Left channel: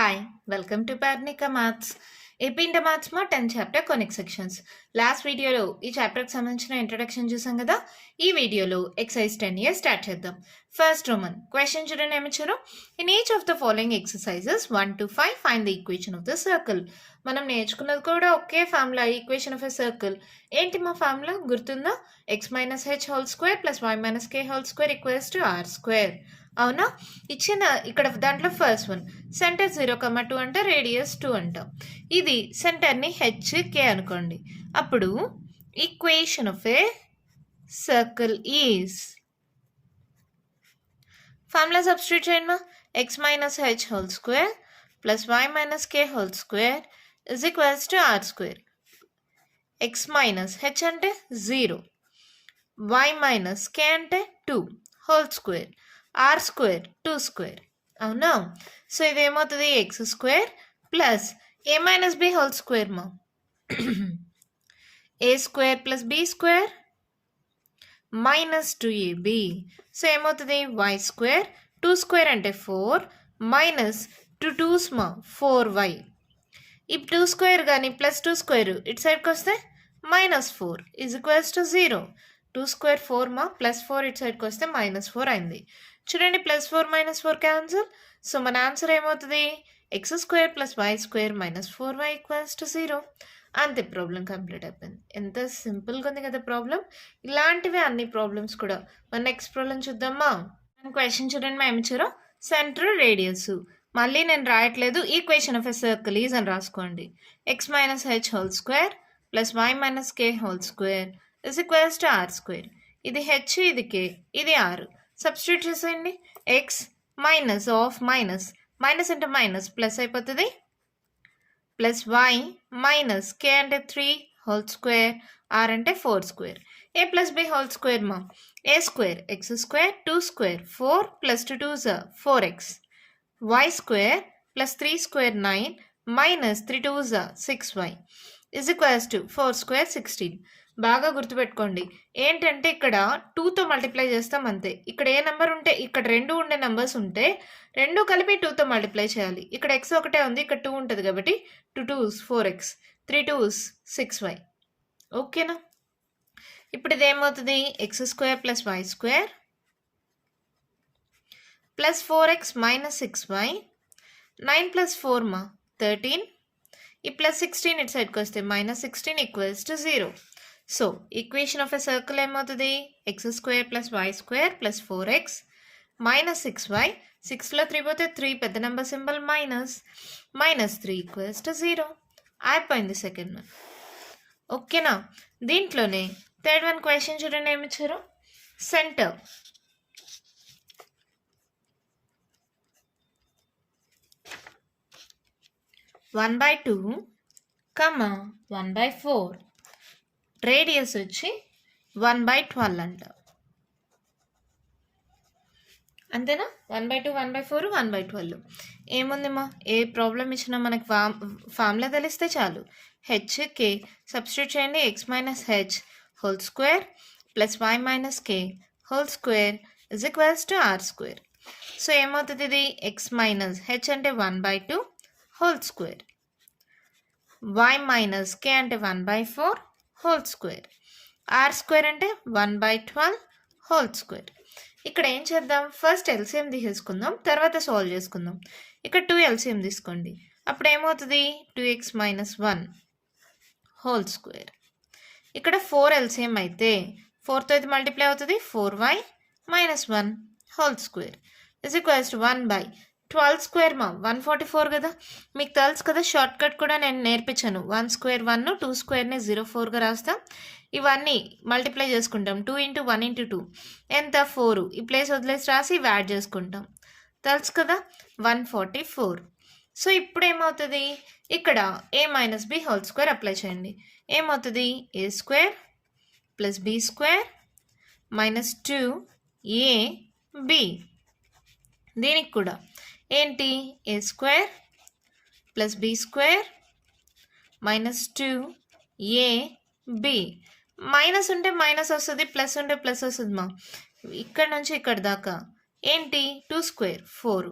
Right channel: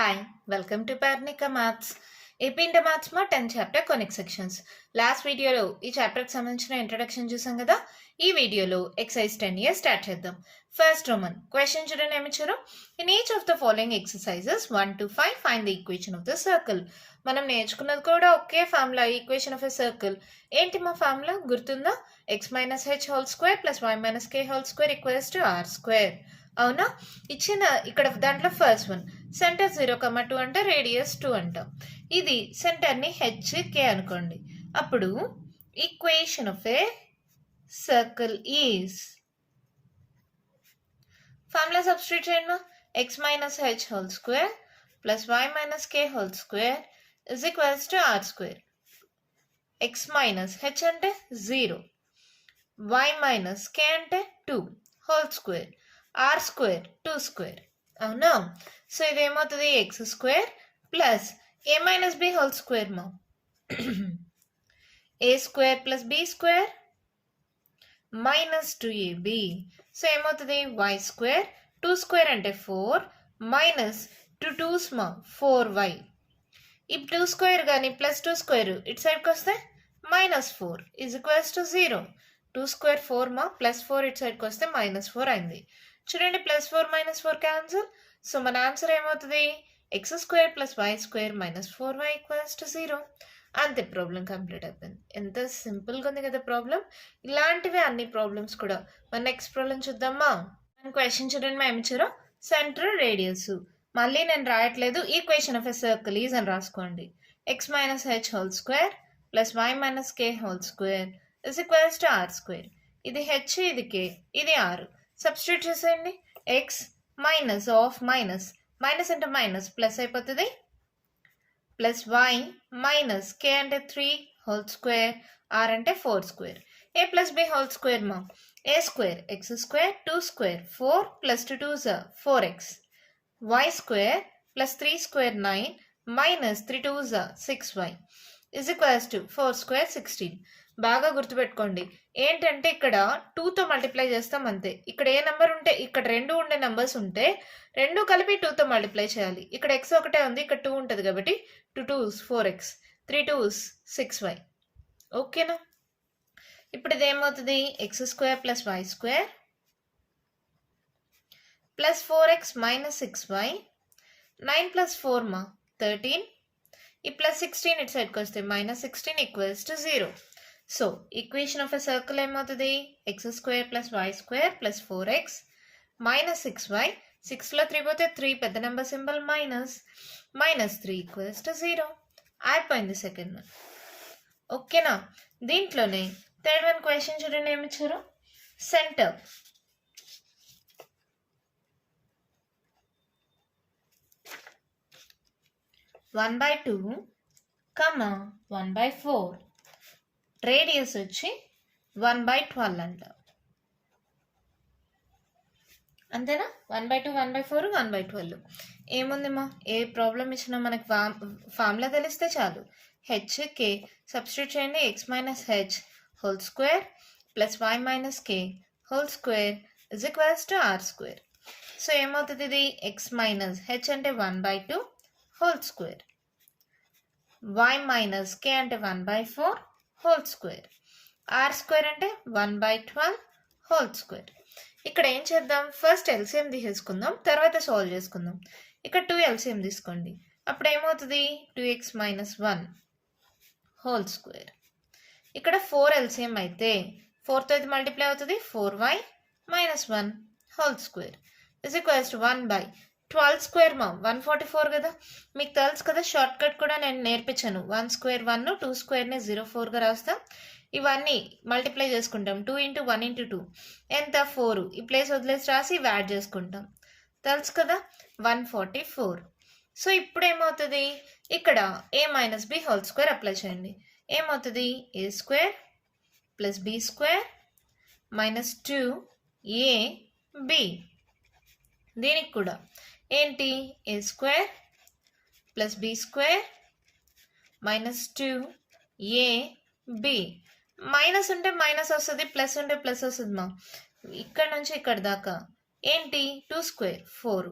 Hi welcome to Parnika maths. AP inter మ్యాథ్స్లో 10th chapter conic sections. Last వీడియోలో ఈ చాప్టర్కి సంబంధించిన ఇంట్రడక్షన్ చూసాం కదా. ఈ వీడియోలో ఎక్సర్సైజ్ 10A స్టార్ట్ చేద్దాం. ఫస్ట్ రోమన్ క్వశ్చన్ చూడండి ఏమిచ్చారు. In each of the following exercises 1 to 5 find the equation of the circle. మనం నేర్చుకున్నది కూడా ఒకే formula, equation of a circle. ఏంటి మా ఫార్ములా గుర్తుందా? x minus h whole square plus y minus k whole square equals to r square. అవునా? ఇచ్చిన ఇక్కడ దాంట్లో ఫస్ట్ వన్ సెంటర్ 0,2 అంటే రేడియస్ 2 అంటాం. ఇది సెంటర్ని హెచ్కే అనుకోండి. అప్పుడు equation of a circle is formula substitute చేయండి. X minus h whole square plus y minus k whole square is equals to r square. X minus h అంటే 0, y minus k అంటే 2 whole square, r square 2 square. అవునా? So ఇదేమవుతుంది x square plus a minus b whole square మా a square plus b square minus 2ab. So ఏమవుతుంది y square 2 square అంటే 4 minus 2 2s మా 4y. ఈ 2 square కానీ plus 2 square ఇటు సైడ్కి వస్తే minus 4 is equals to 0. 2 square 4 మా ప్లస్ 4 ఇటు సైడ్కి వస్తే మైనస్ 4 అయింది. చూడండి ప్లస్ 4 మైనస్ 4 క్యాన్సిల్. సో మన ఆన్సర్ ఏమవుతుంది x square plus y square minus 4y equals to 0. అంతే, ప్రాబ్లం కంప్లీట్ అయిపోయింది. ఎంత సింపుల్గా ఉంది కదా ప్రాబ్లం. ఇలాంటివి అన్ని ప్రాబ్లమ్స్ కూడా. మన నెక్స్ట్ ప్రాబ్లం చూద్దామా. క్వశ్చన్ చూడండి మా ఏమిచ్చారో. సెంటర్ రేడియస్ మళ్ళీ నేను రాయట్లేదు, equation of a circle is అని రాసుకోండి. X minus h whole square plus y minus k whole square is equals to r square. ఇది హెచ్, ఇది కే, ఇది ఆర్. సబ్స్టిట్యూట్ చేసేయండి. X minus of minus minus అంటే మైనస్ ప్లస్ అయిపోతుంది plus y minus k అంటే 3 whole square, r అంటే 4 square. A plus b whole square మా a square x square 2 square 4 plus 2 2 4x, y square plus 3 square 9 minus 3 2 6y is equals to 4 square 16. బాగా గుర్తుపెట్టుకోండి. ఏంటంటే ఇక్కడ 2తో multiply చేస్తాం అంతే. ఇక్కడ ఏ నెంబర్ ఉంటే ఇక్కడ 2 ఉండే నెంబర్స్ ఉంటే 2 కలిపి 2తో మల్టిప్లై చేయాలి. ఇక్కడ ఎక్స్ ఒకటే ఉంది, ఇక్కడ 2 ఉంటుంది కాబట్టి 2 2s 4x, 3 2s 6y. ఓకేనా? ఇప్పుడు ఇది ఏమవుతుంది x square plus y square plus 4x minus 6y, 9 plus 4 మా 13, ఈ ప్లస్ 16 ఇటు సైడ్కి వస్తే minus 16 equals to 0. So equation of a circle ఏమవుతుంది x square plus y square plus 4x minus 6y. 6లో 3 పోతే 3 పెద్ద number symbol minus, minus 3 equals to 0. అయిపోయింది సెకండ్ వన్. ఓకేనా? దీంట్లోనే థర్డ్ వన్ క్వశ్చన్ చూడండి ఏమిచ్చారు. సెంటర్ 1/2, 1/4, రేడియస్ వచ్చి 1/12 అంట. అంతేనా? 1/2, 1/4, 1/12. ఏముందిమా, ఏ ప్రాబ్లం ఇచ్చినా మనకు ఫార్ములా తెలిస్తే చాలు. హెచ్ కే సబ్స్టిట్యూట్ చేయండి. X minus h whole square plus y minus k whole square is equals to r square. So ఏమవుతుంది ఇది ఎక్స్ మైనస్ హెచ్ అంటే 1/2 whole square, y minus k అంటే 1/4 హోల్ స్క్వేర్, ఆర్ స్క్వేర్ అంటే 1/12 whole square. ఇక్కడ ఏం చేద్దాం, first LCM తీసేసుకుందాం, తర్వాత సాల్వ్ చేసుకుందాం. ఇక్కడ 2 ఎల్సిఎం తీసుకోండి. అప్పుడు ఏమవుతుంది 2x మైనస్ 1 హోల్ స్క్వేర్. ఇక్కడ 4 ఎల్సిఎం అయితే 4తో ఇది మల్టిప్లై అవుతుంది 4y minus 1 whole square is equals to 1/12 square మా 144 కదా. మీకు తెలుసు కదా, షార్ట్ కట్ కూడా నేను నేర్పించాను. 1 స్క్వేర్ 1, 2 స్క్వేర్ని 0,4గా రాస్తాం. ఇవన్నీ మల్టిప్లై చేసుకుంటాం. 2 × 1 × 2 ఎంత 4. ఈ ప్లేస్ వదిలేసి రాసి ఇవి యాడ్ చేసుకుంటాం. తెలుసు కదా 144. సో ఇప్పుడు ఏమవుతుంది ఇక్కడ a minus b whole square apply చేయండి. ఏమవుతుంది a square plus b square minus 2ab. దీనికి కూడా ఏంటి a square plus b square minus 2ab. Minus ఉంటే మైనస్ వస్తుంది, ప్లస్ ఉంటే ప్లస్ వస్తుంది మా. ఇక్కడ నుంచి ఇక్కడ దాకా ఏంటి 2 స్క్వేర్ 4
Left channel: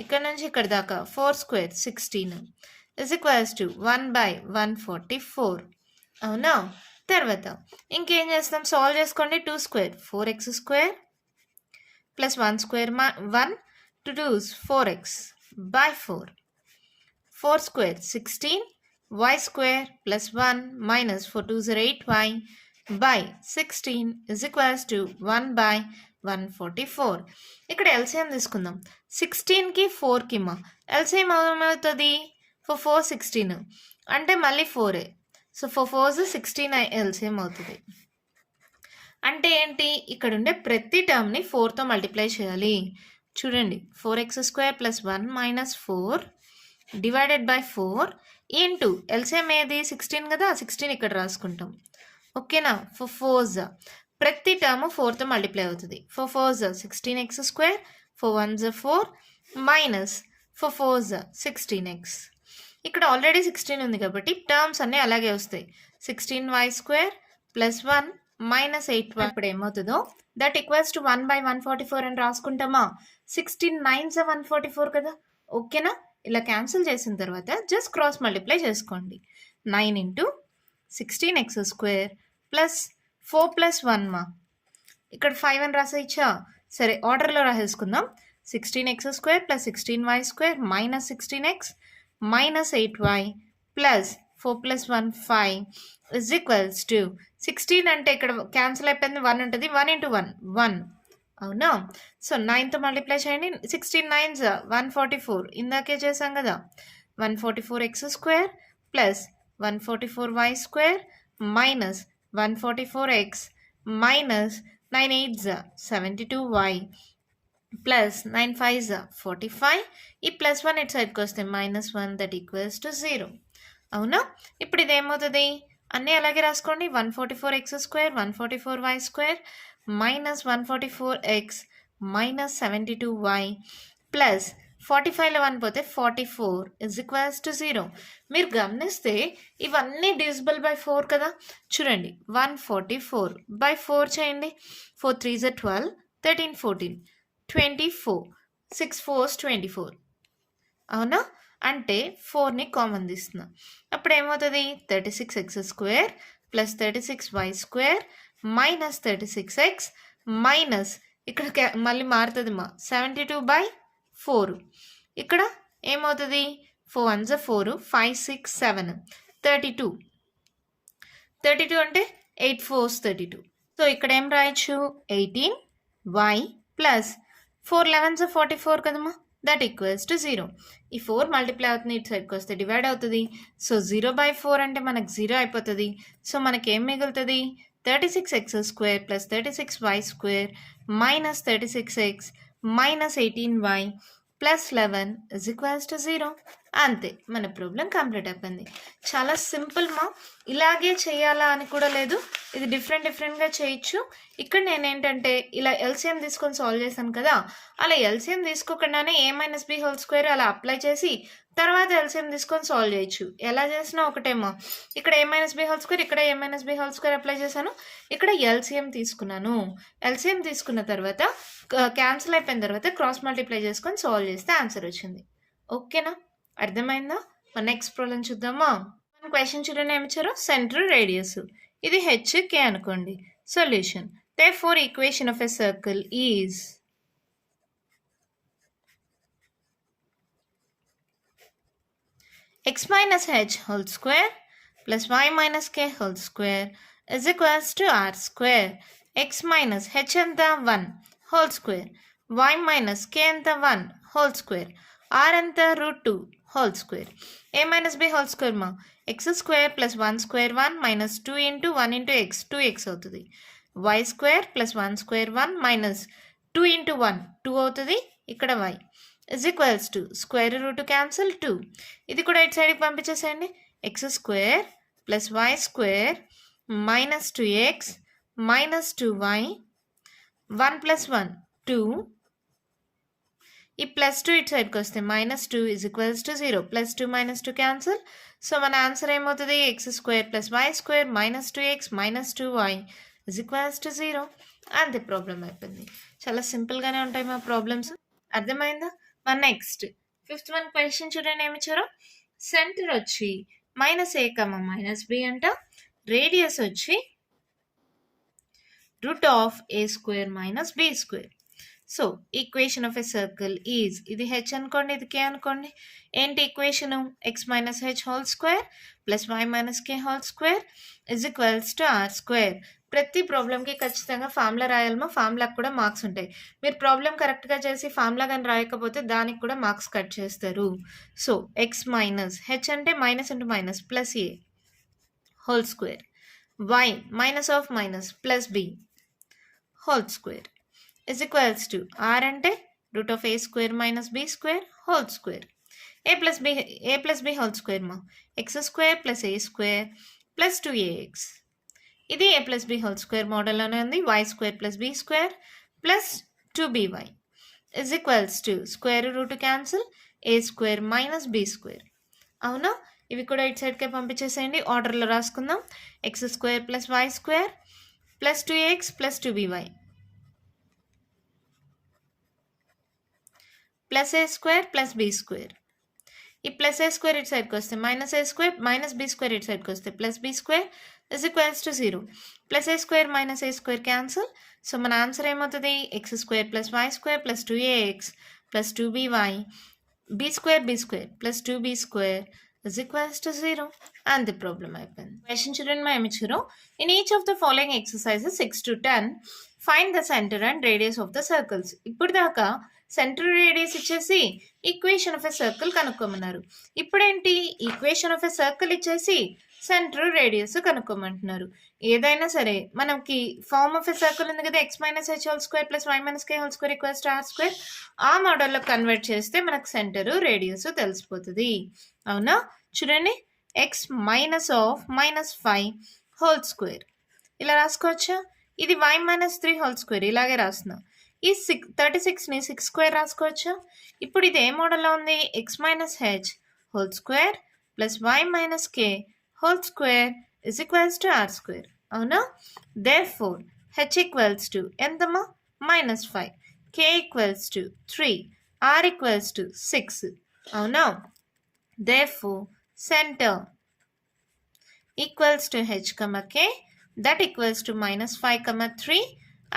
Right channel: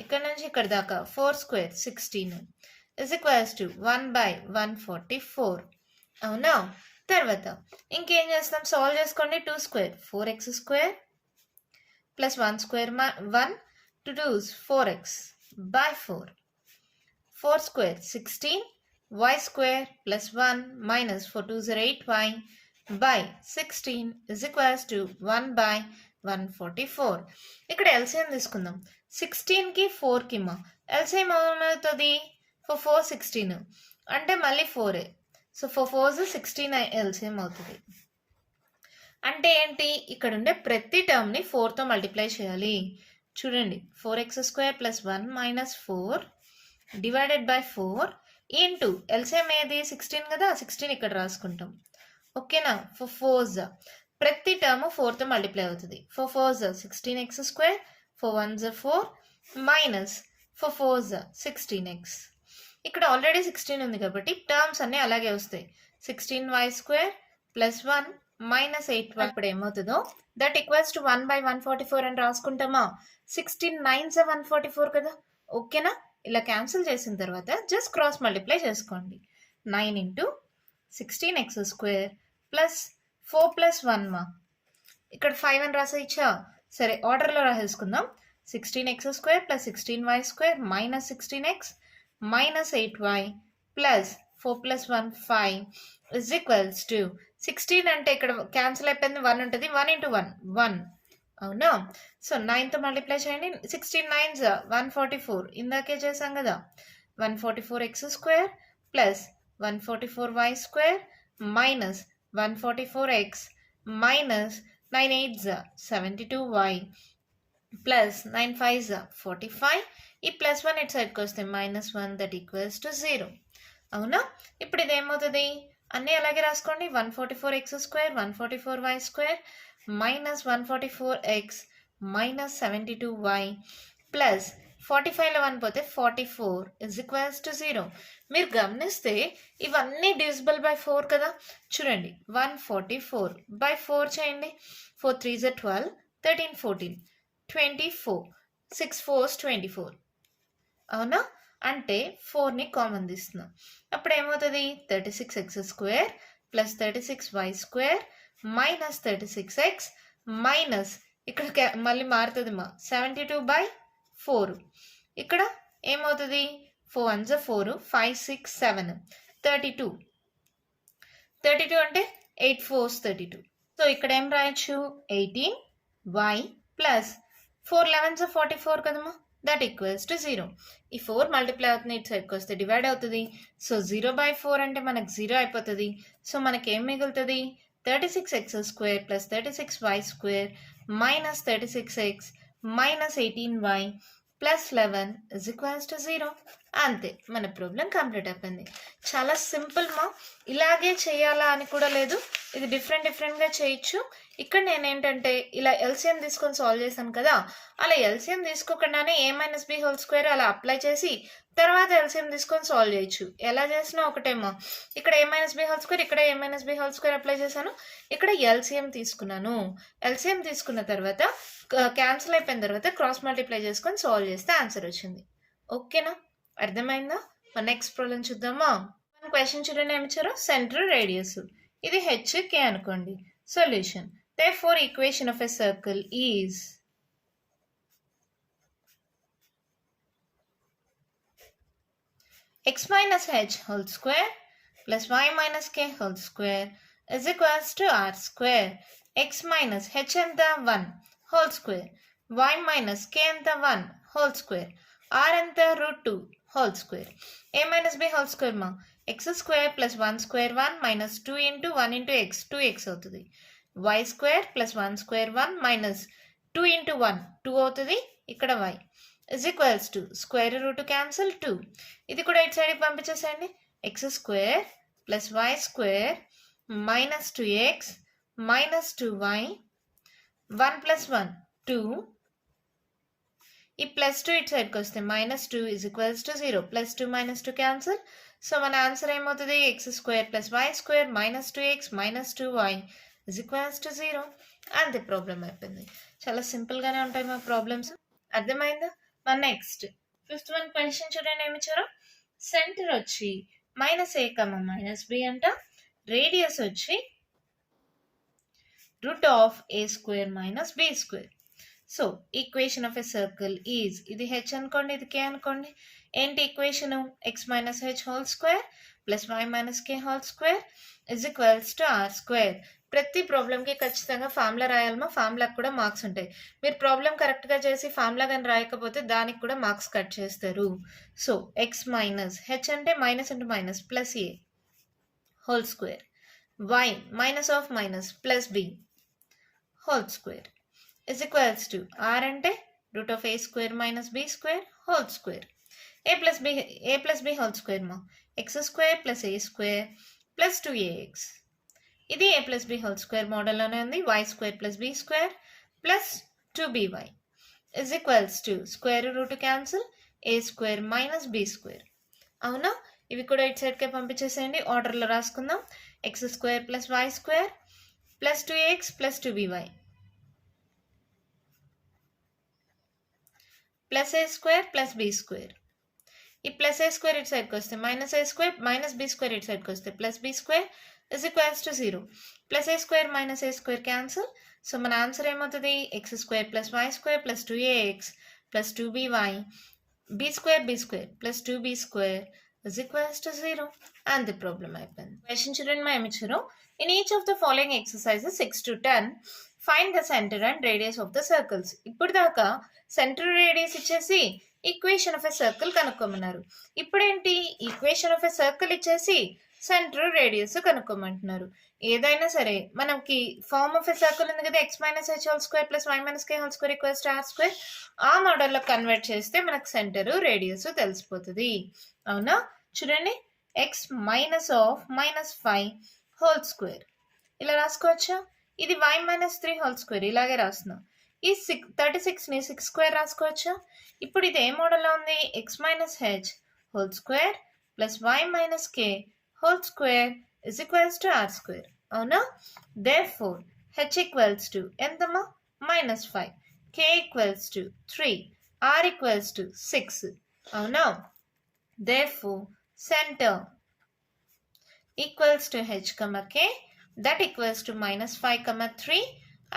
ఇక్కడ నుంచి ఇక్కడ దాకా 4 స్క్వేర్ 16 ఇజ్ ఈక్వల్స్ టు 1/144. అవునా? తర్వాత ఇంకేం చేస్తాం, సాల్వ్ చేసుకోండి. 2 square 4x square plus 1 square 1 2 2s 4x by 4. 4 square 16 y square plus 1 minus 4 2s are 8y by 16 is equals to 1 by 144. ఇక్కడ LCM తీసుకుందాం. 16కి 4కి మా LCM ఏమవుతుంది? 4 16 అంటే మళ్ళీ 4 సో 4 16 LCM అవుతుంది. అంటే ఏంటి, ఇక్కడ ఉండే ప్రతి టర్మ్ని 4తో మల్టిప్లై చేయాలి. చూడండి, 4x square plus 1 minus 4 divided by 4 into LCM ఏది 16 కదా, 16 ఇక్కడ రాసుకుంటాం. ఓకేనా? 4 4s ప్రతి టర్మ్ 4తో మల్టిప్లై అవుతుంది. 4 4s 16x square 4 1s 4 minus 4 4s 16x. ఇక్కడ ఆల్రెడీ 16 ఉంది కాబట్టి టర్మ్స్ అన్నీ అలాగే వస్తాయి. 16y square plus 1 minus 8y. ఇప్పుడు ఏమవుతుందో దట్ ఈక్వల్స్ టు 1/144 అని రాసుకుంటామా. 16 9s 144 కదా. ఓకేనా? ఇలా క్యాన్సిల్ చేసిన తర్వాత జస్ట్ క్రాస్ మల్టిప్లై చేసుకోండి. 9 into 16x square plus 4 plus 1 మా ఇక్కడ 5 అని రాసేయచ్చా. సరే, ఆర్డర్లో రాసేసుకుందాం. 16x square plus 16y square minus 16x minus 8y plus 4 plus 1 5 is equals to 16 అంటే ఇక్కడ క్యాన్సిల్ అయిపోయింది, 1 ఉంటుంది. 1 ఇంటూ 1 1. అవునా? సో 9తో మల్టిప్లై చేయండి. 16 9s 144 ఇందాకే చేసాం కదా. 144x square plus 144y square minus 144x minus 9 8s 72y plus 9 5s 45. ఈ ప్లస్ 1 ఇటు సైడ్కి వస్తే మైనస్ 1 దట్ ఈక్వల్స్ టు 0. అవునా? ఇప్పుడు ఇది ఏమవుతుంది, అన్నీ అలాగే రాసుకోండి. 144x square 144y square minus 144x minus 72y plus 45లో 1 పోతే 44 ఇజ్ ఈక్వల్స్ టు 0. మీరు గమనిస్తే ఇవన్నీ డివిజిబుల్ బై 4 కదా. చూడండి, 144/4 చేయండి. 4 3s 12 13 14 24 6 4s 24. అవునా? అంటే 4ని కామన్ తీస్తున్నాం. అప్పుడు ఏమవుతుంది, 36x square plus 36y square minus 36x minus ఇక్కడ మళ్ళీ మారుతుంది మా 72/4. ఇక్కడ ఏమవుతుంది, 4 1s 4 5 6 7 32 32 అంటే 8 4s 32. సో ఇక్కడ ఏం రాయొచ్చు, 18y ప్లస్ 4 11s 44 కదమ్మా, దట్ ఈక్వల్స్ టు 0. ఈ 4 మల్టిప్లై అవుతుంది, ఇటు సైడ్కి వస్తే డివైడ్ అవుతుంది. సో 0/4 అంటే మనకు 0 అయిపోతుంది. సో మనకి ఏం మిగులుతుంది, 36x square plus 36y square minus 36x minus 18y plus 11 is equals to 0. అంతే, మన ప్రాబ్లం కంప్లీట్ అయిపోయింది. చాలా సింపుల్ మా. ఇలాగే చేయాలా అని కూడా లేదు, ఇది డిఫరెంట్గా చేయొచ్చు. ఇక్కడ నేను ఏంటంటే ఇలా ఎల్సిఎం తీసుకొని సాల్వ్ చేశాను కదా, అలా ఎల్సిఎం తీసుకోకుండానే a - b హోల్ స్క్వేర్ అలా అప్లై చేసి తర్వాత ఎల్సిఎం తీసుకొని సాల్వ్ చేయొచ్చు. ఎలా చేసినా ఒకటేమో. ఇక్కడ a - b హోల్ స్క్వేర్, ఇక్కడ a - b whole square apply చేశాను, ఇక్కడ ఎల్సిఎం తీసుకున్నాను. ఎల్సిఎం తీసుకున్న తర్వాత క్యాన్సిల్ అయిపోయిన తర్వాత క్రాస్ మల్టిప్లై చేసుకొని సాల్వ్ చేస్తే ఆన్సర్ వచ్చింది. ఓకేనా? అర్థమైందా? నెక్స్ట్ ప్రాబ్లం చూద్దామా. మన క్వశ్చన్ చూడండి, ఏమి ఇచ్చారు, సెంటర్ రేడియస్ ఇది HK అనుకోండి. Solution, therefore equation of a circle is x minus h whole square plus y minus k whole square is equals to r square. x minus h anta 1 whole square, y minus k anta 1 whole square, r anta √2 whole square. a minus b whole square ma x square plus 1 square 1 minus 2 into 1 into x 2x అవుతుంది. y square plus 1 square 1 minus 2 into 1 2 అవుతుంది. ఇక్కడ y is equals to square root cancel 2. ఇది కూడా ఇటు సైడ్కి పంపించేసేయండి. x square plus y square minus 2x minus 2y 1 plus 1 2. ఈ plus 2 ఇటు సైడ్కి వస్తే minus 2 is equals to 0. Plus 2 minus 2 cancel. So మన ఆన్సర్ ఏమవుతుంది, x square plus y square minus 2x minus 2y is equals to 0. అంతే, problem అయిపోయింది. చాలా సింపుల్గానే ఉంటాయి మా ప్రాబ్లమ్స్. అర్థమైందా? మన నెక్స్ట్ ఫిఫ్త్ వన్ క్వశ్చన్ చూడండి ఏమి ఇచ్చారు. సెంటర్ వచ్చి -a, -b అంట. రేడియస్ వచ్చి √a² - b². So equation of a circle is, ఇది హెచ్ అనుకోండి, ఇది కే అనుకోండి. ఏంటి equation? x - h² + y - k² = r². ప్రతి ప్రాబ్లంకి ఖచ్చితంగా ఫార్ములా రాయాలమో, ఫార్ములాకి కూడా మార్క్స్ ఉంటాయి. మీరు ప్రాబ్లం కరెక్ట్గా చేసి ఫార్ములా కానీ రాయకపోతే దానికి కూడా మార్క్స్ కట్ చేస్తారు. సో x - h అంటే -(-) +a² y -(-) +b² = r అంటే √a² - b² ² a plus b whole square ma x² + a² + 2ax. ఇది a plus b whole square మోడల్లోనే ఉంది. y² + b² + 2by = root cancel a² - b². అవునా? ఇవి కూడా ఇటు సైడ్కే పంపించేసేయండి. ఆర్డర్లో రాసుకుందాం. x² + y² + 2x + 2by +a² + b². ఈ +a² ఇటు సైడ్కి వస్తే -a² - b² ఇటు సైడ్కి వస్తే +b² = 0. +a² - a² cancel. So మన ఆన్సర్ ఏమవుతుంది? x² + y² + 2ax + 2by b² + 2b² = 0. And the problem అయిపోయింది. క్వశ్చన్ చూడండి మా ఏమిచ్చారు. In each of the following exercises 6 to 10 find the centre and radius of the circles. ఇప్పుడు దాకా centre radius ఇచ్చేసి equation of a circle కనుక్కోమన్నారు. ఇప్పుడేంటి? Equation of a circle ఇచ్చేసి సెంటర్ రేడియస్ కనుక్కోమంటున్నారు. ఏదైనా సరే మనకి ఫార్మ్ ఆఫ్ ఎ సర్కిల్ ఉంది కదా, x - h² + y - k² = r². ఆ మోడల్లో కన్వర్ట్ చేస్తే మనకు సెంటర్ రేడియస్ తెలిసిపోతుంది. అవునా? చూడండి, x - (-5) ఇలా రాసుకోవచ్చా? ఇది y - 3² ఇలాగే రాస్తున్నా. ఈ 36ని 6² రాసుకోవచ్చా? ఇప్పుడు ఇది ఏ మోడల్లో ఉంది? x - h² + y - k² = r². అవునా? therefore h = ఎంతమ్మా? -5, k = 3, r = 6. అవునా? therefore center equals to h, k, that equals to -5, 3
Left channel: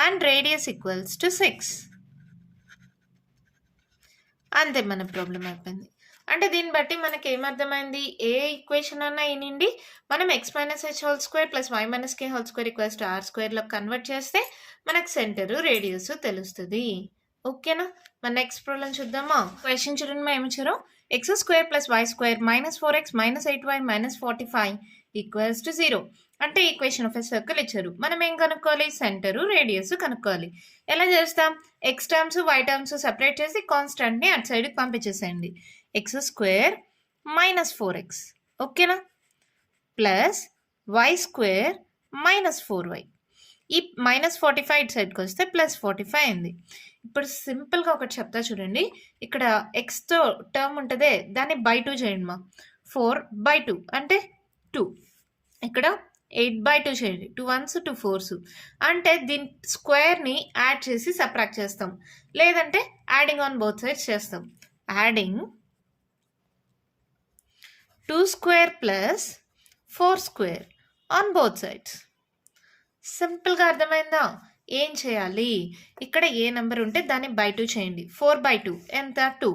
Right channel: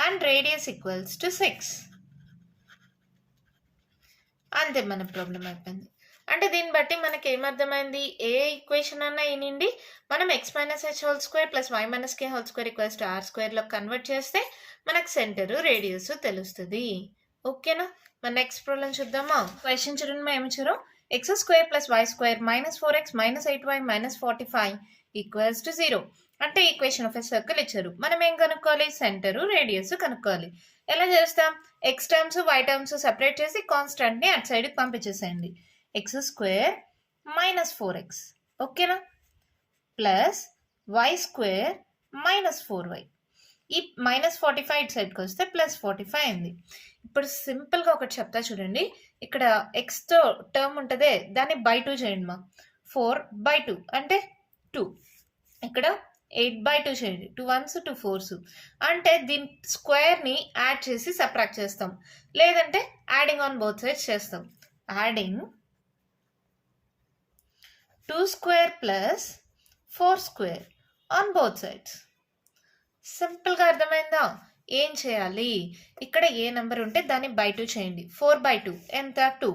and radius equals to 6. అంతే మన ప్రాబ్లం అయిపోయింది. అంటే దీన్ని బట్టి మనకి ఏమర్థమైంది? ఏ ఈక్వేషన్ అన్నా అయినండి మనం x - h² + y - k² = r² convert చేస్తే మనకు సెంటర్ రేడియస్ తెలుస్తుంది. ఓకేనా? మన నెక్స్ట్ ప్రాబ్లం చూద్దామా? క్వశ్చన్ చూడండి ఏమి ఇచ్చారు. x² + y² - 4x - 8y - 45 = 0. అంటే ఈక్వేషన్ ఆఫ్ ఎ సర్కిల్ ఇచ్చారు. మనం ఏం కనుక్కోవాలి? సెంటర్ రేడియస్ కనుక్కోవాలి. ఎలా చేస్తాం? x terms y terms separate చేసి కాన్స్టెంట్ని అటు సైడ్కి పంపించేసేయండి. x² - 4x ఓకేనా, ప్లస్ y² - 4y. ఈ -45 ఇటు సైడ్కి వస్తే +45 అయింది. ఇప్పుడు సింపుల్గా ఒకటి చెప్తా చూడండి. ఇక్కడ ఎక్స్తో టర్మ్ ఉంటుందే దాన్ని బై 2 చేయండి మా. 4/2 అంటే 2. ఇక్కడ 8/2 చేయండి. 2 1s 2 4s అంటే దీని స్క్వేర్ని యాడ్ చేసి సబ్ట్రాక్ట్ చేస్తాం, లేదంటే యాడింగ్ ఆన్ బోత్ సైడ్స్ చేస్తాం. Adding 2² + 4² on both sides. సింపుల్గా అర్థమైందా? ఏం చేయాలి? ఇక్కడ ఏ నెంబర్ ఉంటే దాన్ని బై 2 చేయండి. 4/2 ఎంత? 2.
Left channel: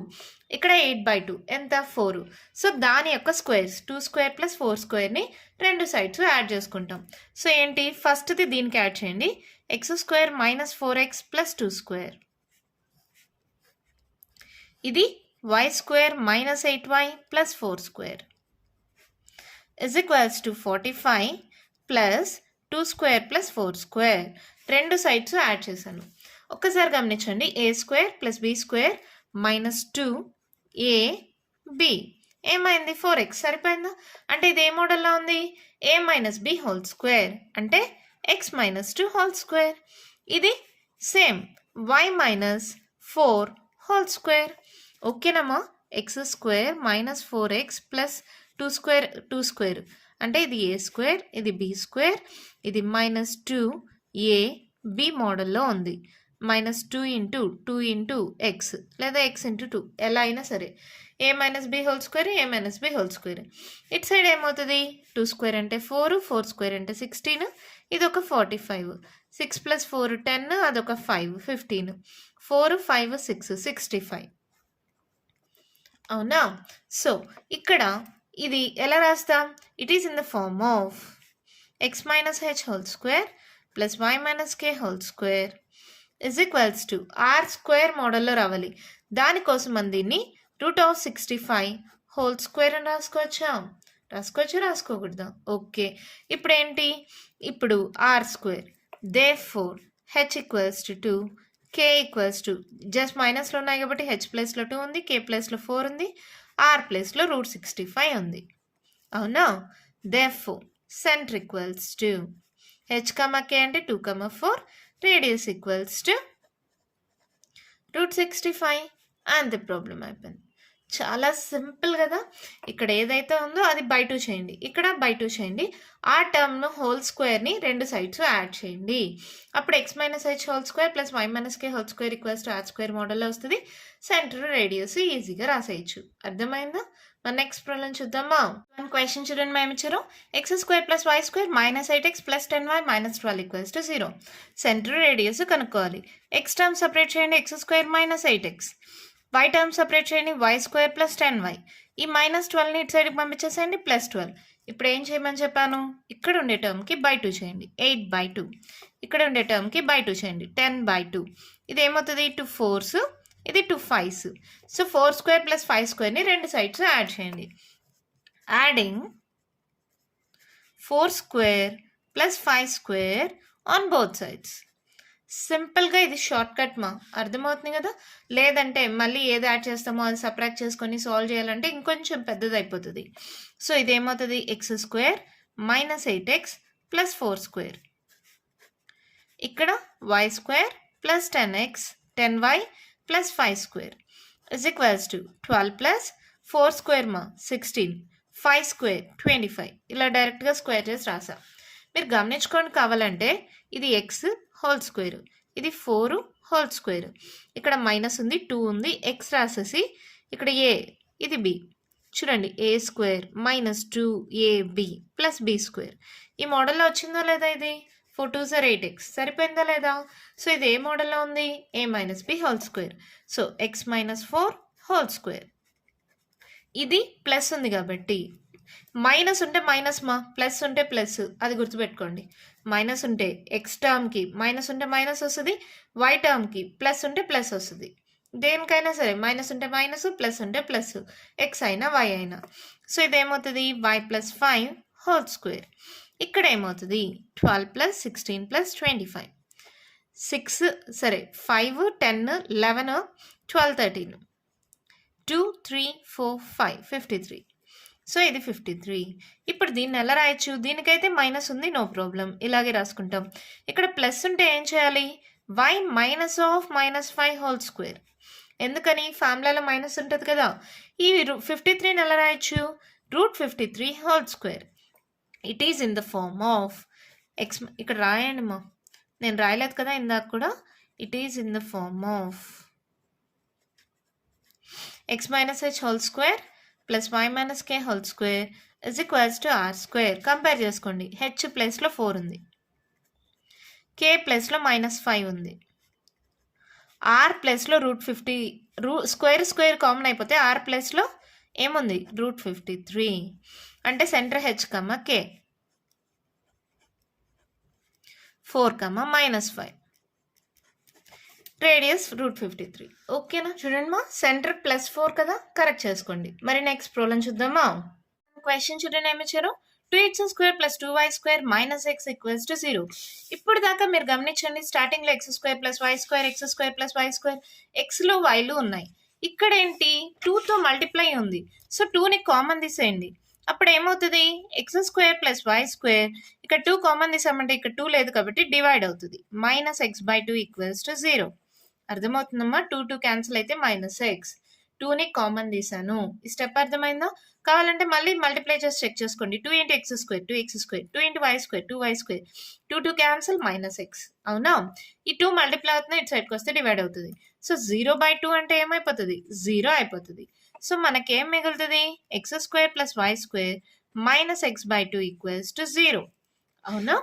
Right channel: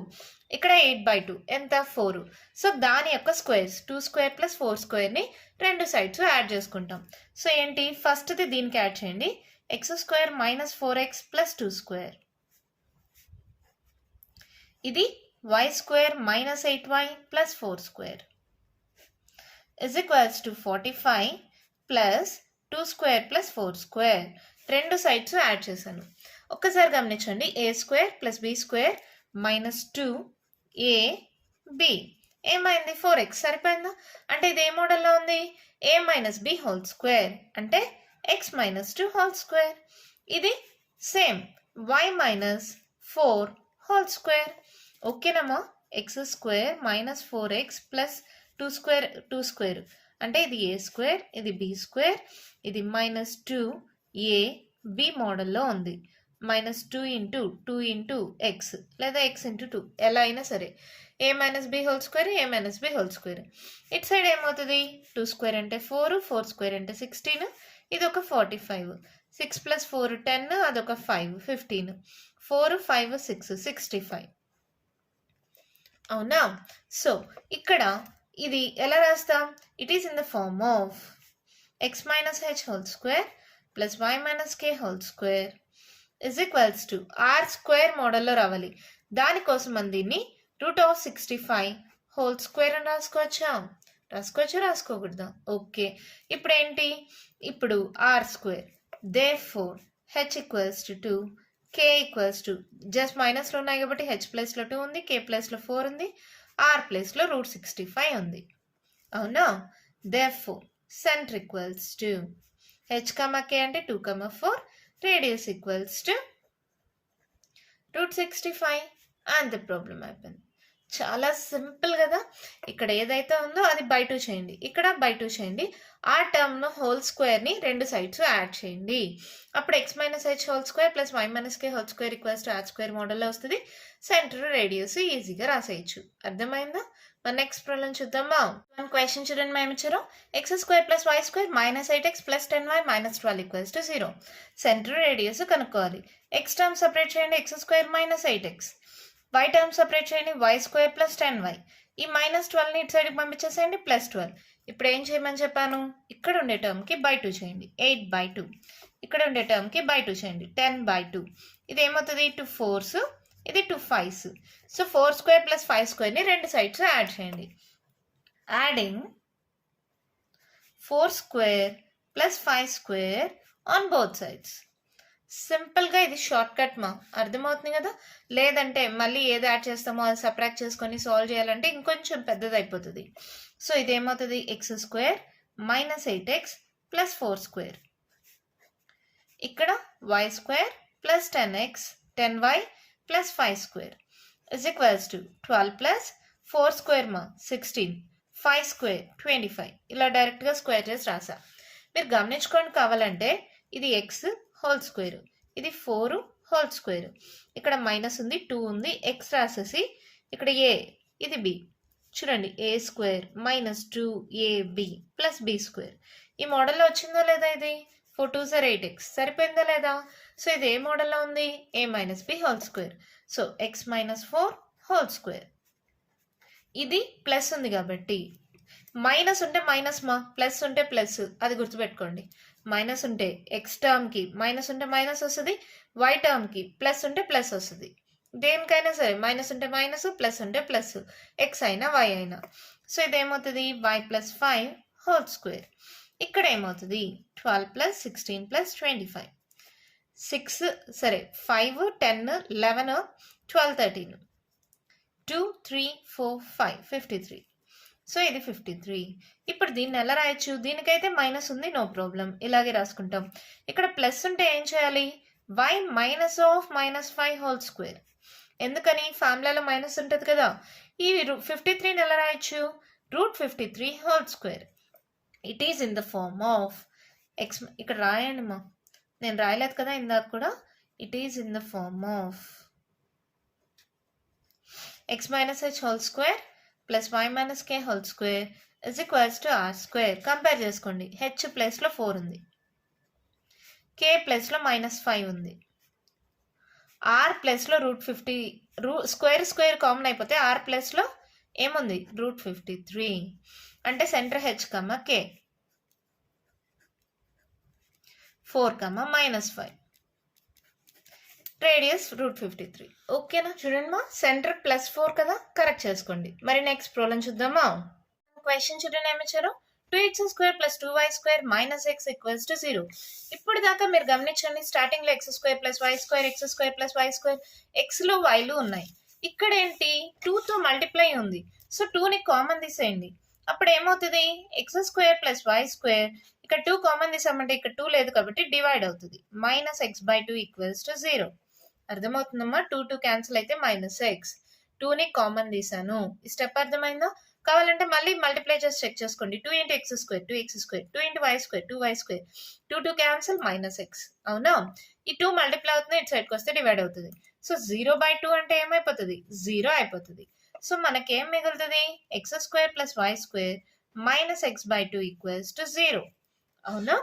ఇక్కడ 8/2 ఎంత? 4. సో దాని యొక్క స్క్వేర్స్ 2² + 4² రెండు సైడ్స్ యాడ్ చేసుకుంటాం. సో ఏంటి? ఫస్ట్ది దీనికి యాడ్ చేయండి. x² - 4x + 2². ఇది y² - 8y + 4² = 45 + 2² + 4². రెండు సైడ్స్ యాడ్ చేశాను. ఒక్కసారి గమనించండి. a² + b² - 2ab ఏమైంది? 4x సరిపోయిందా? అంటే ఇది ఏ మోడల్లో ఉంది? a - b whole² అంటే x - 2 ఇది సేమ్ y - 4 whole². ఓకేనమ్మా? x² - 4x + 2² అంటే ఇది a² ఇది b², ఇది -2ab మోడల్లో ఉంది. మైనస్ 2 ఇంటూ 2 ఇంటూ ఎక్స్ లేదా ఎక్స్ ఇంటూ 2 ఎలా అయినా సరే ఏ మైనస్ బి హోల్ స్క్వేర్ ఏ మైనస్ బి హోల్ స్క్వేర్. ఇటు సైడ్ ఏమవుతుంది 2 స్క్వేర్ అంటే 4 4 స్క్వేర్ అంటే 16 ఇది ఒక 45 6 ప్లస్ 4 10 అదొక 5 15 4 5 6 65 అవునా. సో ఇక్కడ ఇది ఎలా రాస్తాం it is in the form of x minus h whole square plus y minus k whole square is equals to r square మోడల్లో రావాలి. దానికోసం మనం దీన్ని √65 హోల్ స్క్వేర్ అని రాసుకోకూడదా. ఓకే ఇప్పుడు ఏంటి ఇప్పుడు r square therefore h equals to 2 k equals to just మైనస్లో ఉన్నాయి కాబట్టి h ప్లేస్లో 2 ఉంది k ప్లేస్లో 4 ఉంది r ప్లేస్లో √65 ఉంది అవునా. therefore center equals to h, k అంటే 2, 4 radius equals to √65 and the problem అయిపోయింది. చాలా సింపుల్ కదా. ఇక్కడ ఏదైతే ఉందో అది బై 2 చేయండి ఇక్కడ బై 2 చేయండి ఆ టర్మ్ను హోల్ స్క్వేర్ని రెండు సైడ్స్ యాడ్ చేయండి అప్పుడు x minus h whole square plus y minus k whole square equals to r square మోడల్లో వస్తుంది. సెంటర్ రేడియస్ ఈజీగా రాసేయచ్చు. అర్థమైందా. మన నెక్స్ట్ ప్రాబ్లం చూద్దామా. మన క్వశ్చన్ చూడండి మేము ఇచ్చారు x square plus y square minus 8x plus 10y minus 12 equals to 0. Center radius కనుక్కోవాలి. ఎక్స్ టర్మ్ సపరేట్ చేయండి x square minus 8x y term separate చేయండి y స్క్వేర్ ప్లస్ 10y ఈ minus 12ని ఇటు సైడ్కి పంపించేసేయండి ప్లస్ 12. ఇప్పుడు ఏం చేయమని చెప్పాను ఇక్కడ ఉండే టర్మ్కి బై 2 చేయండి 8/2 ఇక్కడ ఉండే టర్మ్కి బై 2 చేయండి 10/2 ఇది ఏమవుతుంది 2 4s ఇది 2 5s. సో 4 స్క్వేర్ ప్లస్ 5 స్క్వేర్ని రెండు సైడ్స్ యాడ్ చేయండి. Adding 4 square plus 5 square on both sides. సింపుల్గా ఇది షార్ట్ కట్ మా అర్థమవుతుంది కదా. లేదంటే మళ్ళీ ఏది యాడ్ చేస్తామో అది సబ్ట్రాక్ట్ చేసుకొని సాల్వ్ చేయాలంటే ఇంకొంచెం పెద్దది అయిపోతుంది. సో ఇదేమవుతుంది x square minus 8x plus 4 square ఇక్కడ y square plus 10x 10y plus 5 square is equals to 12 plus 4 square మా 16 5 స్క్వేర్ 25 ఇలా డైరెక్ట్గా స్క్వేర్ చేసి రాసా. మీరు గమనించుకోండి కావాలంటే ఇది ఎక్స్ హోల్ స్క్వేర్ ఇది 4 హోల్ స్క్వేర్ ఇక్కడ మైనస్ ఉంది 2 ఉంది ఎక్స్ రాసేసి ఇక్కడ ఏ ఇది బి చూడండి a square minus 2ab plus b square ఈ మోడల్లో వచ్చిందో లేదా ఇది 4 2s are 8x సరిపోయిందా లేదా. సో ఇది ఏ మోడల్లో ఉంది a minus b whole square. So x minus 4 whole square ఇది ప్లస్ ఉంది కాబట్టి మైనస్ ఉంటే మైనస్ మా ప్లస్ ఉంటే ప్లస్ అది గుర్తుపెట్టుకోండి. మైనస్ ఉంటే ఎక్స్ టర్మ్కి మైనస్ ఉంటే మైనస్ వస్తుంది వై టర్మ్కి ప్లస్ ఉంటే ప్లస్ వస్తుంది. దేనికైనా సరే మైనస్ ఉంటే మైనస్ ప్లస్ ఉంటే ప్లస్ ఎక్స్ అయినా వై అయినా. సో ఇదేమవుతుంది వై ప్లస్ 5 హోల్ స్క్వేర్ ఇక్కడ ఏమవుతుంది 12 ప్లస్ 16 ప్లస్ 25 6 సరే 5 10 11 12 13 2 3 4 5 53. సో ఇది 53. ఇప్పుడు దీన్ని ఎలా రాయొచ్చు దీనికైతే మైనస్ ఉంది నో ప్రాబ్లం ఇలాగే రాసుకుంటాం. ఇక్కడ ప్లస్ ఉంటే ఏం చేయాలి y minus of minus 5 whole square ఎందుకని ఫార్ములాలో మైనస్ ఉంటుంది కదా. ఈ 53ని ఎలా రాయొచ్చు √53 whole square it is in the form of x ఇక్కడ రాయండి మా నేను రాయలేదు కదా ఇందాక కూడా it is in the form of x minus h whole square plus y minus k whole square is equals to r square. Compare చేసుకోండి h ప్లేస్లో 4 ఉంది కే ప్లేస్లో -5 ఉంది ఆర్ ప్లేస్లో √50 స్క్వేర్ స్క్వేర్ కామన్ అయిపోతే ఆర్ ప్లేస్లో ఏముంది √53 అంటే సెంటర్ హెచ్ కే 4 -5 రేడియస్ √53. ఓకేనా చూడండి మా సెంటర్ +4 కదా కరెక్ట్ చేసుకోండి. మరి నెక్స్ట్ ప్రాబ్లం చూద్దామా. క్వశ్చన్ చూడండి ఏమి ఇచ్చారు 2x² + 2y² - x = 0. ఇప్పుడు దాకా మీరు గమనించండి స్టార్టింగ్లో x² + y² x² + y² ఎక్స్లు వైలు ఉన్నాయి. ఇక్కడ ఏంటి 2తో మల్టిప్లై ఉంది సో 2ని కామన్ తీసేయండి అప్పుడు ఏమవుతుంది x² + y² ఇక్కడ 2 కామన్ తీసామంటే ఇక్కడ 2 లేదు కాబట్టి డివైడ్ అవుతుంది -x/2 = 0. అర్థమవుతుందమ్మా 2 క్యాన్సిల్ అయితే -x 2ని కామన్ తీసాను. ఈ స్టెప్ అర్థమైందా? కావాలంటే మళ్ళీ మల్టిప్లై చేసి చెక్ చేసుకోండి. 2 into x square 2x square, 2 into y square 2y square, 2 cancel -x. అవునా? ఈ 2 మల్టిప్లై అవుతుంది, ఇటు సైడ్కి వస్తే డివైడ్ అవుతుంది. సో 0/2 అంటే ఏమైపోతుంది? 0 అయిపోతుంది. సో మనకేం మిగులుతుంది? X square plus y square -x/2 equals to 0. అవునా?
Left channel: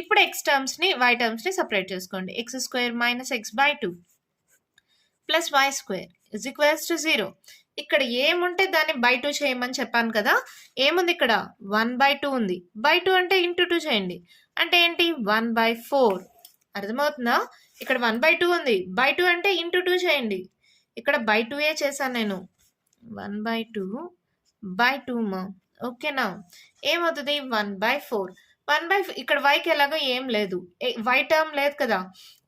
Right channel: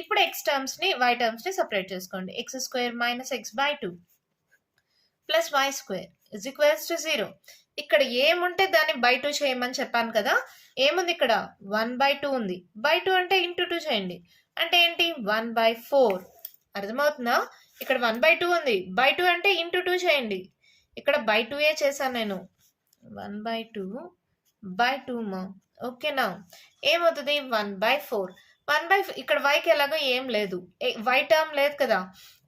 ఇప్పుడు ఎక్స్ టర్మ్స్ని వై టర్మ్స్ని సపరేట్ చేసుకోండి. X square -x/2 plus y square is equals to 0. ఇక్కడ ఏముంటే దాన్ని బై 2 చేయమని చెప్పాను కదా. ఏముంది ఇక్కడ? 1/2 ఉంది. బై 2 అంటే ఇంటూ 2 చేయండి. అంటే ఏంటి? 1/4. అర్థమవుతుందా? ఇక్కడ 1/2 ఉంది. బై 2 అంటే ఇంటూ 2 చేయండి. ఇక్కడ బై 2 చేశాను నేను. 1/2 మా. ఓకేనా? ఏమవుతుంది? 1/4. ఇక్కడ వైకి ఎలాగో ఏం లేదు. వై టర్మ్ లేదు కదా.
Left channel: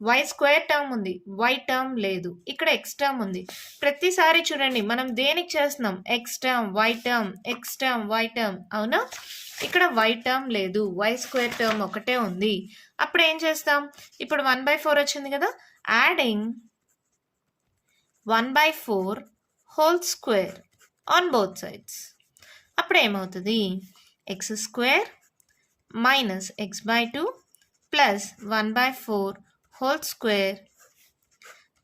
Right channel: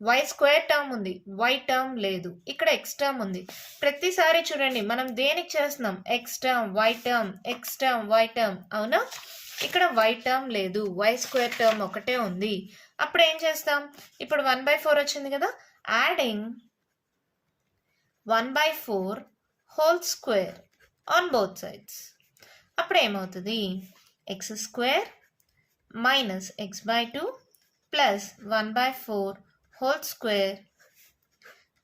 వై స్క్వేర్ టర్మ్ ఉంది, వై టర్మ్ లేదు. ఇక్కడ ఎక్స్ టర్మ్ ఉంది. ప్రతిసారి చూడండి మనం దేనికి చేస్తున్నాం? X term why term, X term why term. అవునా? ఇక్కడ వై టర్మ్ లేదు, వై స్క్వేర్ టర్మ్ ఒకటే ఉంది. అప్పుడు ఏం చేస్తాం? ఇప్పుడు 1/4 వచ్చింది కదా. Adding 1/4 whole square on both sides. అప్పుడు ఏమవుతుంది? X square -x/2 plus 1/4 whole square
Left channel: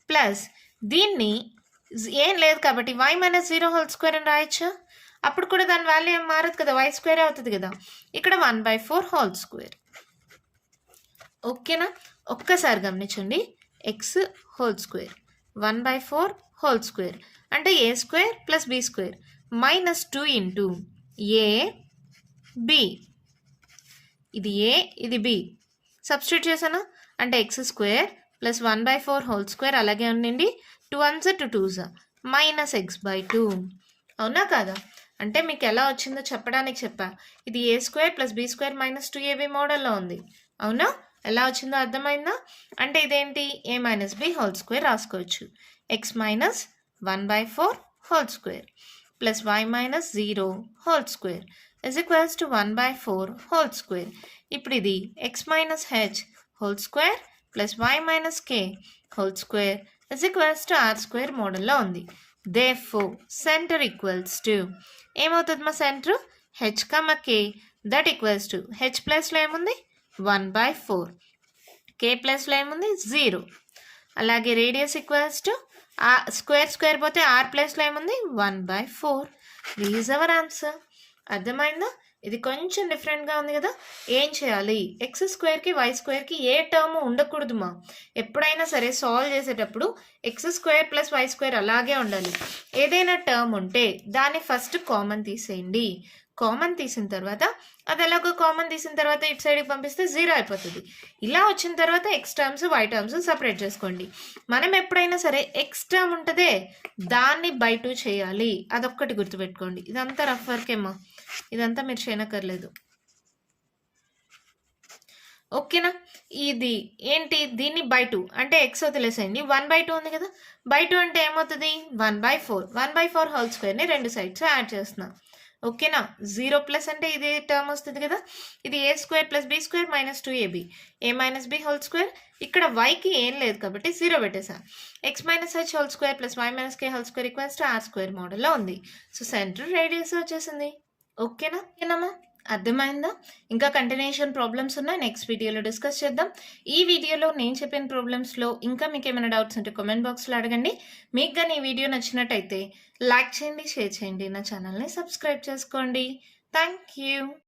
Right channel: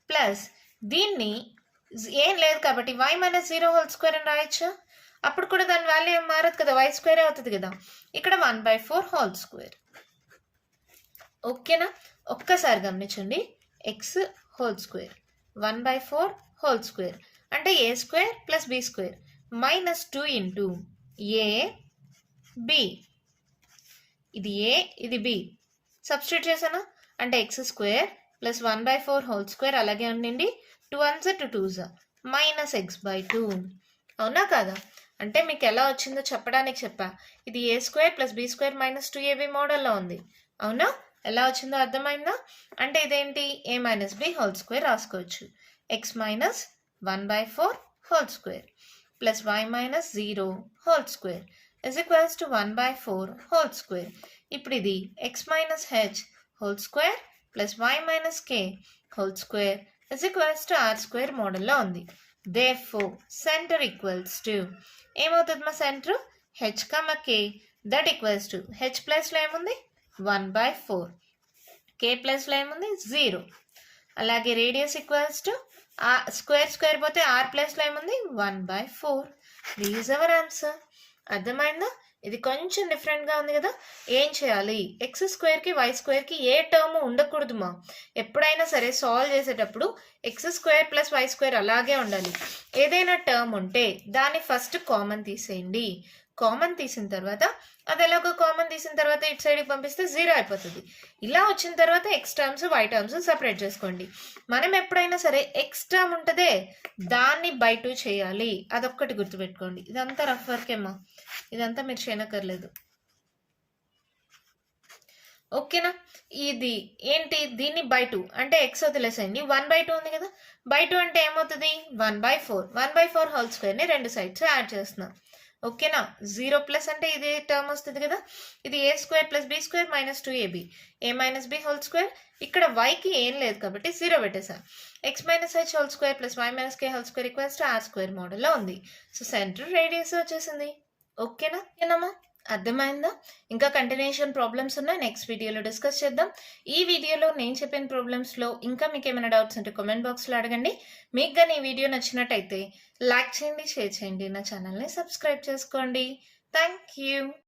plus దీన్ని ఏం లేదు కాబట్టి y - 0 హోల్ స్క్వేర్ అని రాయొచ్చా? అప్పుడు కూడా దాని వాల్యూ ఏం మారదు కదా, y స్క్వేర్ అవుతుంది కదా. ఇక్కడ 1/4 హోల్ స్క్వేర్. ఓకేనా? ఒక్కసారి గమనించండి. X whole square 1/4 whole square అంటే a square plus b square -2 into a b. ఇది ఏ, ఇది బి. సబ్స్టిట్యూట్ చేసానా? అంటే x square plus 1/4 whole square అలాగే ఉండండి. 2 1s 2 2s -x/2. అవునా కాదా? అంటే మీకు ఎలా వచ్చిందో చెప్పడానికి చెప్పా. ఇది a square plus b square -2ab మోడల్లో ఉంది. అవునా? ఎలా వచ్చిందో అర్థమైందా? అంటే ఇదేంటి? a - b హోల్ స్క్వేర్ రాసుకోవచ్చు. x - 1/4 whole square plus y - 0 whole square is equals to 1/4 whole square. ఇప్పుడు ఇది x - h whole square plus y - k whole square is equals to r square మోడల్లో ఉంది. Therefore, center equals to ఏమవుతుంది మా centre? h, k that equals to h ప్లస్లో ఏముంది? 1/4. k ప్లస్లో ఏముంది? 0. అలాగే రేడియస్ ఈక్వల్స్ టు స్క్వేర్ పోతే r ప్లస్లో ఏముంది? 1/4. Is our answer. అర్థమైందా? ఇది కొంచెం డిఫరెంట్గా ఉంది కదా. ఏం చేయాలి? ఎక్స్ స్క్వేర్కి వై స్క్వేర్కి ఏ టర్మ్ ఉండకూడదు మా. ఎప్పుడైనా సరే సాల్వ్ చేసేటప్పుడు x square plus y square అలాగే ఉండాలి. ఏదైనా టర్మ్ ఉంటే దాన్ని ఫస్ట్ కామన్ తీసేయండి. కామన్ తీసిన తర్వాత అది ఎలాగో కామన్ తీసిన తర్వాత ఇటు సైడ్కి పంపిస్తే 0 అయిపోతుంది. ఇలా వచ్చిన తర్వాత x terms y terms separate చేసుకోండి. మనం ఎప్పుడైనా సరే ఎక్స్ టర్మ్ ఉంటుందే దాన్ని బై 2 చేయాలి. అదొక్కటి గుర్తుపెట్టుకోండి. ఇదంతా రఫ్ వర్కేమా, ఇదంతా మీరు చేయనక్కర్లేదు. ఓకేనా? ఇది ఏంటి? దీన్ని బై 2 అంటే ఎక్స్ వదిలేసేయండి. 1/2 ఉంది కదా. బై 2 అంటే ఏమవుతుంది? 1/4. 1/4 హోల్ స్క్వేర్ని రెండు సైడ్స్ యాడ్ చేస్తున్నాం. ఓకేనా? 0 ప్లస్ అంటే ఇది టర్మ్ వస్తుంది కదా. ఇది a square plus b square -2ab a - b whole square. ఇక్కడ వైకి ఏం లేదు కాబట్టి 0 పెట్టేసా. x - h whole square plus y - k whole square equals to r square మోడల్లో ఉంది. సో సెంటర్ రేడియస్ వచ్చేసింది. ఓకేనా? ఏనమ్మా? అర్థమైందా? ఇంకా కంటిన్యూషన్ ప్రాబ్లమ్స్ ఉన్నాయి, నెక్స్ట్ వీడియోలో డిస్కస్ చేద్దాం. ఈ వీడియోలో నేను చెప్పిన ప్రాబ్లమ్స్లో ఇంకా మీకు ఏమైనా డౌట్స్ ఉంటే కామెంట్ బాక్స్లో అడగండి. మీకు కానీ ఈ వీడియో నచ్చినట్టయితే లైక్ చేయండి, షేర్ చేయండి, నా ఛానల్ని సబ్స్క్రైబ్ చేసుకోండి. Thank you.